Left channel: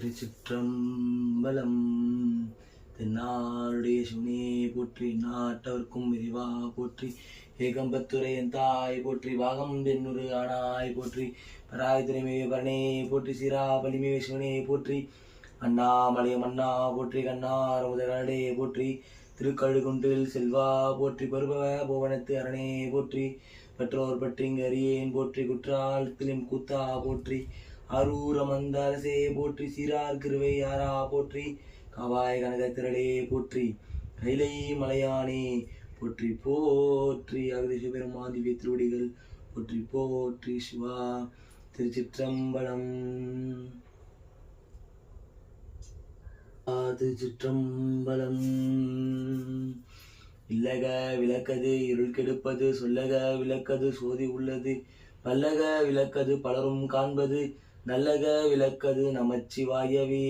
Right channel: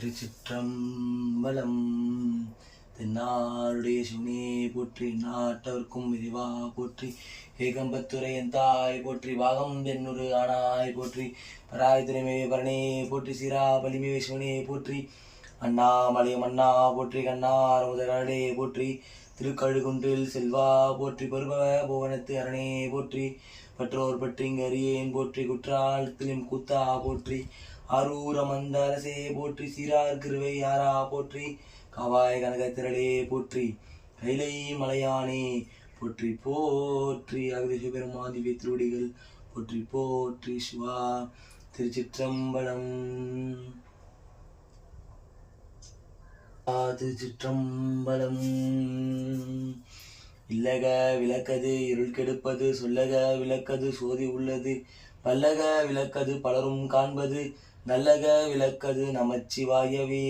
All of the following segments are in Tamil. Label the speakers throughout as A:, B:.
A: திருச்சிற்றம்பலம். தென்னாருடைய சிவனே போற்றி நாட்டவர்க்கும் விரிவா போற்றி ஏகம்பத்துரை என் தாய் போற்றி வாகம் தென்னுரு ஆனாய் போற்றி பராய் திரைமே பரணே போற்றி சீரா பலிமே சிவனே போற்றி அண்ணாமலை மன்னா போற்றி கண்ணார் முதலே போற்றி திருக்கழுகுன்றில் செல்வா போற்றி பருபவ புவனத்து அரணே போற்றி பற்றோர் பற்றிங்க அறியேன் போற்றி குற்றாலத்திலும் கூத்தா போற்றி அரூர மந்தரசே போற்றி சீரார் கிருவை யாரா போற்றி காவாய கனக திரளே போற்றி கைலை மலையானே போற்றி போற்றி. அகதி பெருமாதி திவ்ய திருவடிகள் போற்றி போற்றி சிவா திருச்சிற்றம்பலம். திருச்சிற்றம்பலம். இல்லக விளக்கது இருள் கெடுப்பது சொல்லக விளக்கது சோதி உள்ளது பல்லக விளக்கது பலரும் காண்பது நல்லக விளக்கது நமச்சிவாயவே.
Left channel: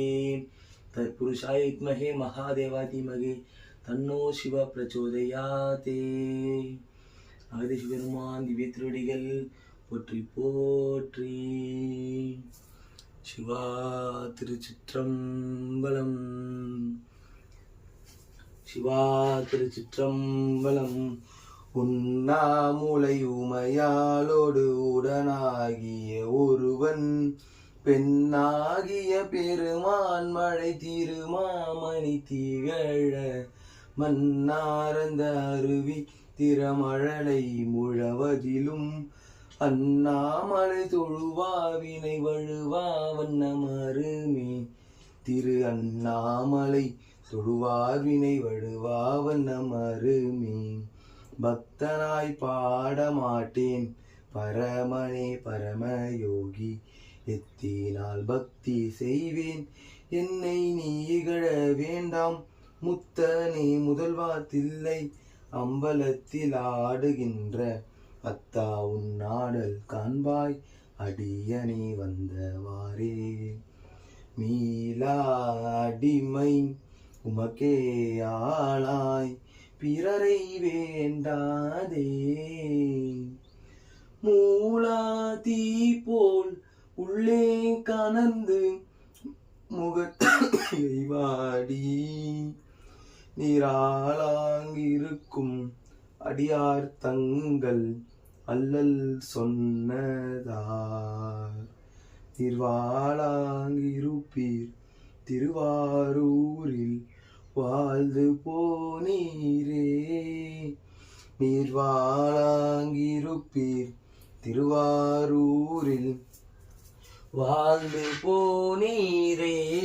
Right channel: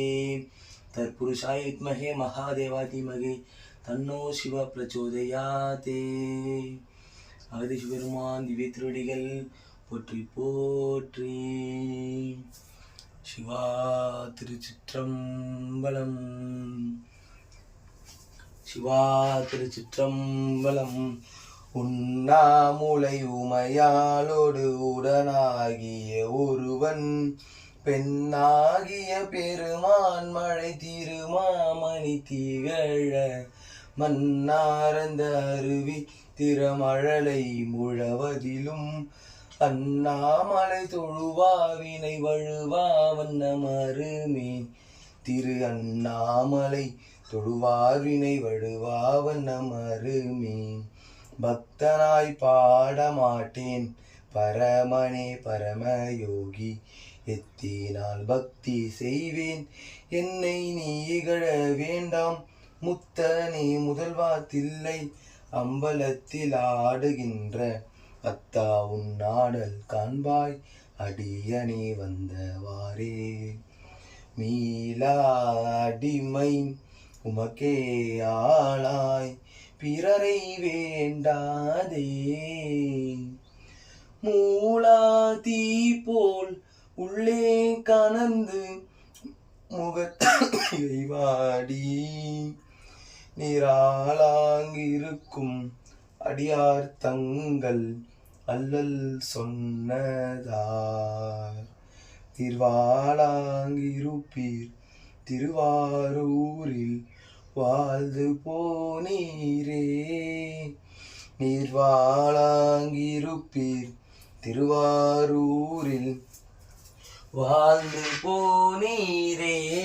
A: தற்புருஷாய வித்மகே மகாதேவாதிமகே தன்னோ சிவ பிரச்சோதயாதே அகதி பெருமான் திவ்ய திருடிகள் போற்றி போற்றி. சிவா திருச்சிற்றம்பலம். சிவா திருச்சிற்றம்பலம். உண்ணாமுலை உண்ணாமுலையுமையாளோடு உடனாகிய ஒருவன் பெண்ணாகிய பெருமான் மழை திருமாமணி திகழ மன்னார்ந்த அருவி திறமழலை முழவதிலும் அண்ணாமலை தொழுவாவினை வழுவா வண்ணமருமே திரு அண்ணாமலை தொழுவார்வினை வழுவா வண்ணமருமே பக்தனாய் பாடமாட்டேன். பரமனே பரமயோகி எத்தினால் பக்தி செய்வேன். என்னை நீ இகழ வேண்டாம். முத்தனே முதல்வா தில்லை அம்பலத்தில் ஆடுகின்ற. அத்தா உன் ஆடல் காண்பாய். அடியனே வந்தவாரே மீளா அடிமை உமக்கே ஆளாய். பிறரை வேண்டாதே. மூலா தீ போல் உள்ளே கனந்து முகத்தை வாடி நிராளாங்கிருக்கும் அடியார் தங்கள் அல்லல் சொன்னதார். திருவாளாங்கிருப்பீர் திருவாரூரில் வாழ்ந்து போனீரே. நீர் வாழாங்கிருப்பீர் திருவாரூரில். வாழ்ந்து போனீரே.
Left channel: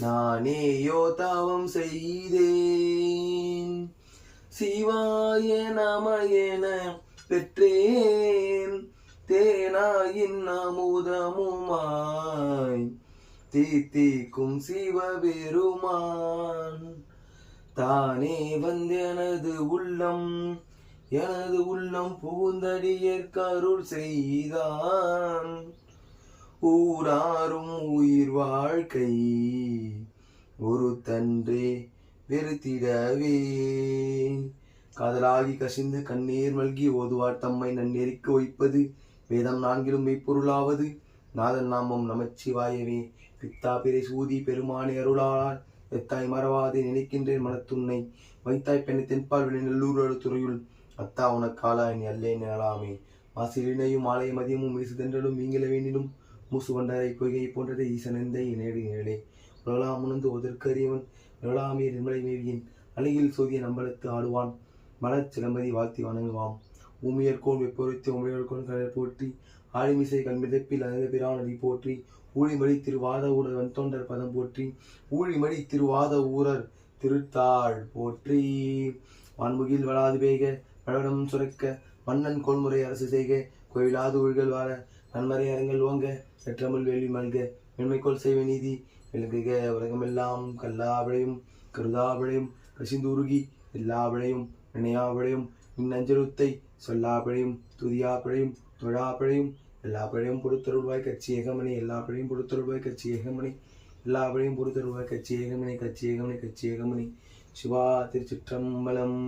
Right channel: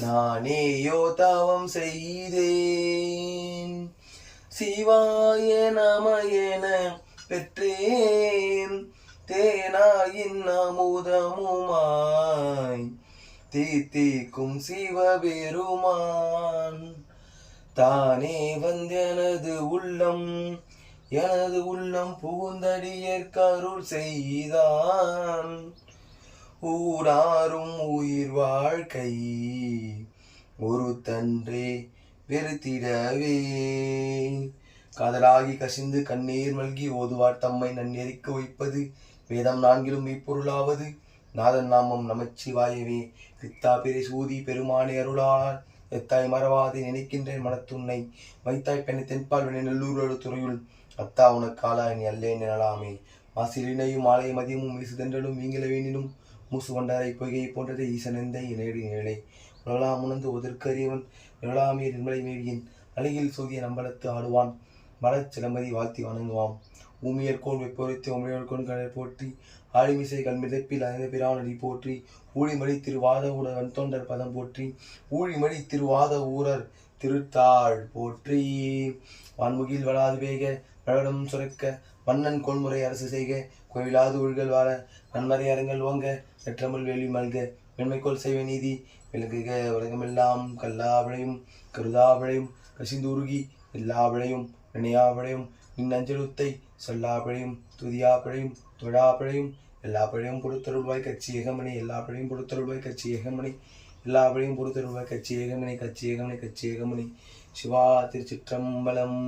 A: நானேயோ தவம் செய்தேன். சிவாய நமயன பெற்றேன். தேனாயின் அமுதமுமாய். தீத்திக்கும் சிவபெருமான். தானே வந்தெனது உள்ளம் எனது உள்ளம் புகுந்தடியற்கருள் செய்தான். ஊராறும் உயிர் வாழ்க்கை ஒரு தன்றே வெறுத்திடவே. காதலாகி கசிந்து கண்ணீர் மல்கி ஓதுவார் தம்மை நன்னெறிக்கு வைப்பது வேதம் நான்கிலும் மெய்ப்பொருளாவது. நாதன் நாமம் நமச்சிவாயவே. பித்தா பெரிய சூதி பெருமானே அருளானால் எத்தாய் மறவாதே நினைக்கின்றேன் மனத்துன்னை. வைத்தாய் பெண்ணை தென்பால் வினை நல்லூர் துறையுள் அத்தா உனக்கு ஆளாய் நீ அல்லேன் எனலாமே. மாசிலினையும் ஆலய மதியமும் வீசுதென்றலும் நீங்கள வேணிலும் மூசு வண்டாரை பொய்கை போன்றதை ஈசனெந்தை நேடு நிழலை. உலலாம் உணர்ந்து ஒதற்கறியவன் நிழலாமே நிர்மலை மேவியின். அழகில் சூதிய நம்பலத்து ஆடுவான். மலச் சிலம்பதி வாழ்த்தி வணங்குவான் ஊமியர்கோன் வெப்பொருத்தி உமையர்கோன் கடல் போற்றி ஆழிமிசை கண்மிதப்பில் அனைந்த பிரானடி போற்றி ஊழிமொழி திருவாத ஊரர் வன்தொண்டர் பதம் போற்றி ஊழிமொழி திருவாத ஊரர் திருத்தாள் போற்றி. வான்முகில் வளாது வேக பழனம் சுரக்க மன்னன் கொள்முறை அரசு செய்க கோயிலாது ஊழ்கள் வாழ நன்மறை அரங்கள் ஓங்க நெற்றமுள் வேள்வி மல்க மென்மைக்கோள் செய்வ நீதி விளங்குக உலகமெல்லாம் கல்லாவிளையும் கருதாவிளையும் கசிந்துருகி எல்லாவளையும் நினையாவிளையும் நின் அஞ்சலுத்தை சொல்லாப்பிழையும் துதியாப்பிழையும் தொழாப்பிழையும் எல்லா பிழையும் பொறுத்தருள்வாய் கட்சி ஏகமணி எல்லா பிழையும் பொறுத்தருள்வாய் கட்சி ஏகமணி எல்லா பிழையும் பொறுத்தருள்வாய் கட்சி ஏகமணி கட்சி ஏகமணி கட்சி ஏகமணி சிவா திருச்சிற்றம்பலம்.